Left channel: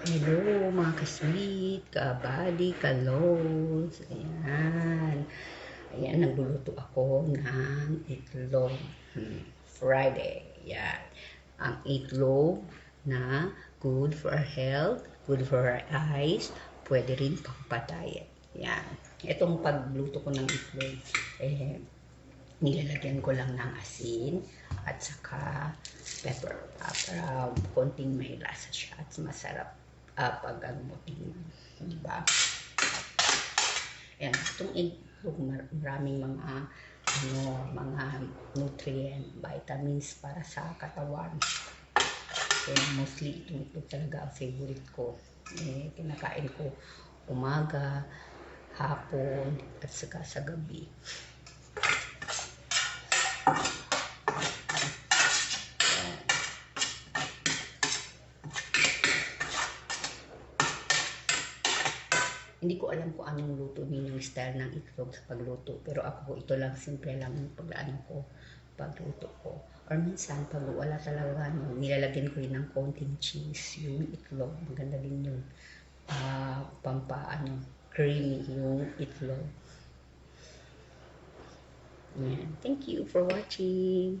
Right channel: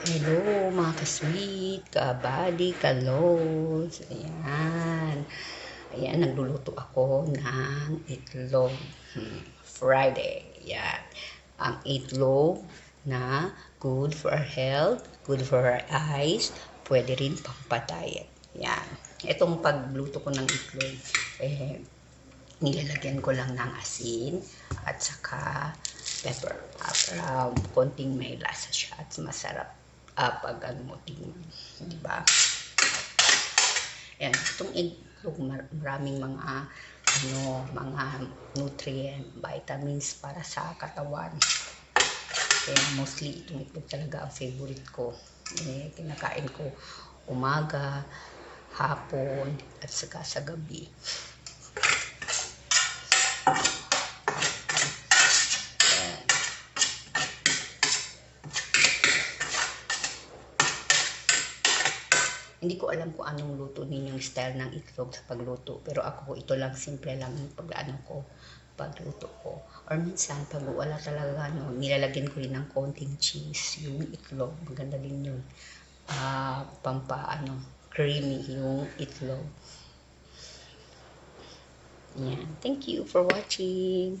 Hello mga ka-sweet, ka-body, ka-lows. Ayan. Ayan, nagluluto ako ng itlog. Friday. Ayan. Ang itlog na good for our health, good for our eyes, pwede rin pampatay. Ayan. Itong pagluto ko ng itlog, nilalagyan ko lang ng asin at saka pepper para konting may lasa siya at masarap pag ano mo tingnan, di ba? Yan, itong itlog maraming mga nutrient, vitamins para sa katawan. Kaya mostly itong itlog talaga ang favorite ko. Kinakain ko umaga, hapon, at saka sa gabi. Hindi ko alam kung anong luto ninyong style ng itlog sa pagluto. Pero ako, ito lang, simple lang yung pagluto ko. Or minsan, pag wala talaga, nilalagyan ko rin ng konting cheese. Yung itlog, maganda din yun. Creamy yung itlog. Yan. Thank you for watching.